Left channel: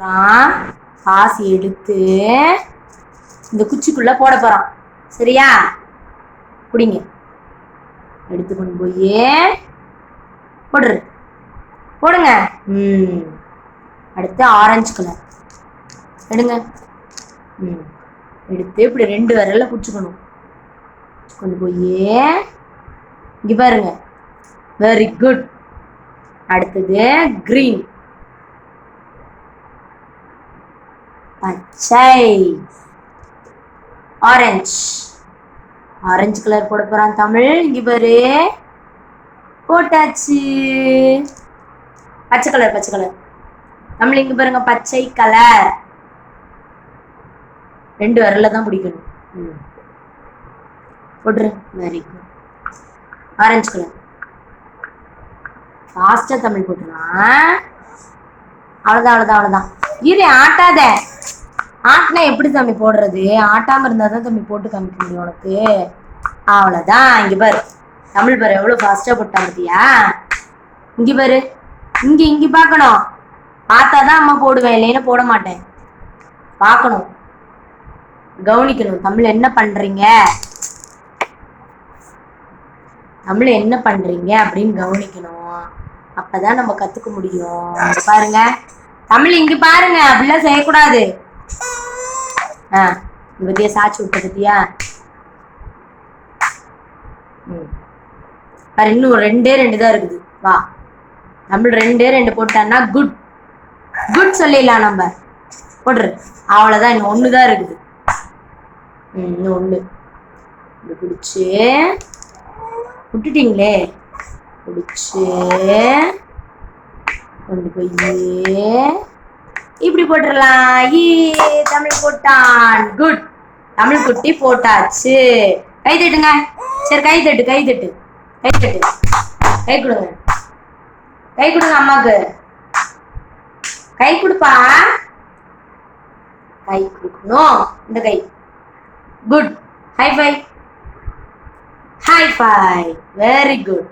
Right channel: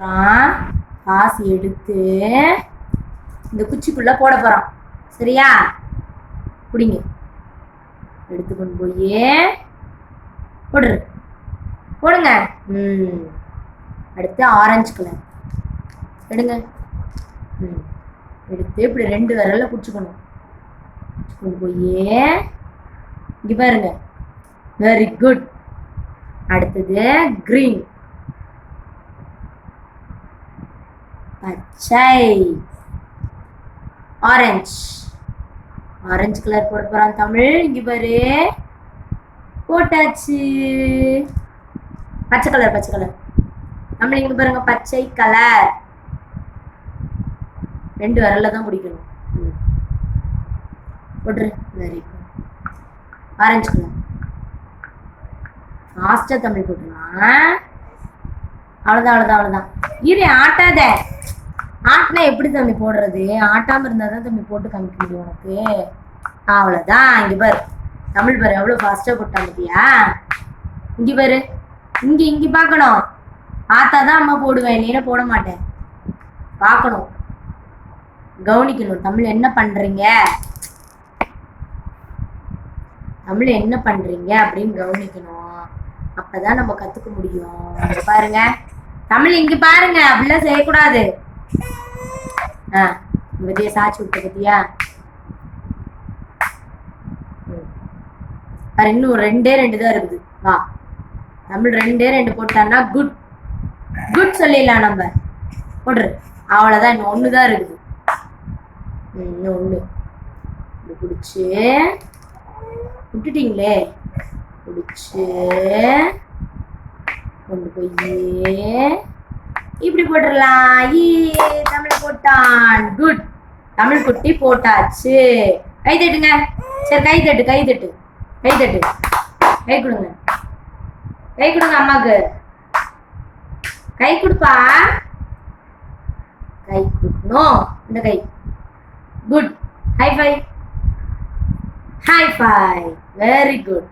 காசு எடுத்து இந்த குச்சிக்குள்ள போட போறான். சரியா? குடிங்க. எடுத்து கொண்டு போய் போடுங்க. அடுத்து ஆரஞ்சு கலர் எடுங்க. எடுத்து இப்படி 2 விரல்ல பிடிச்சிக்கணும். கொண்டு போய் இங்க பாருங்க. Very good. அடுத்தது கிரீன், பச்சை, ஆரஞ்சு. ஆரஞ்சு கலர் போட போறான் தமிழ். இங்க பாரு, போட்டாச்சு. பச்சை கலர் தமிழ். இங்க பாருங்க, பச்சை கலர். 2 விரல்ல தான் பிடிக்கணும். போட்டுரு. Very good. ஆரஞ்சு கலர் ஃபாஸ்டா தமிழ் போட்டுருவான். அவ்வளோதான். இரு, ஆட்டாத. ஆட்டினா எப்படி தம்பி போடுறது? ஆட்டாம இருந்தா தான் தம்பி போட்டு காமிக்க முடியும் உனக்கு. அவ்வளோதான். இங்க பாரு தமிழ் பாரு, எவ்வளோ ஃபாஸ்டா போட்டான் பார்த்தியா? இங்க பாரு, இங்க பார்க்கணும். பார்த்தாதான் அம்மா போடுவேன், இல்லைன்னா போட மாட்டேன். பார்க்கணும், கவனிக்கணும். தமிழ் என்ன பண்றீங்க அப்படின்னு கவனிக்கணும். அப்பதான் நம்ம கத்துக்க முடியும். பாருங்க தமிழ், இங்க பாருங்க. அப்படிலாம் செய்யக்கூடாது. பத்தியா சாட்சி விட்ட பத்தியா? பாரு, இன்னும் 2 தான் இருக்குது. வா, தமிழ் 2 போட்டான்னா குட் சொல்லிடலாம் நம்ம. போடுற. அவ்வளவுதான். இன்னும் 1 தான் இருக்குது. இன்னும் 1 பிடிச்சு விட்டுட்டீங்களே. பிடிச்சு கொண்டு போய் இப்படி போட்டுடலாம். தமிழ் போட்டான். குட். தமிழ் குட்டி போட்டாச்சு. கை தட்டுங்க. சரி, கை தட்டு. கை கொடுங்க. அம்மாக்கு கை கொடுப்பா. கை கொடுக்கணும். இந்த கை. Good. Hi five. Very good.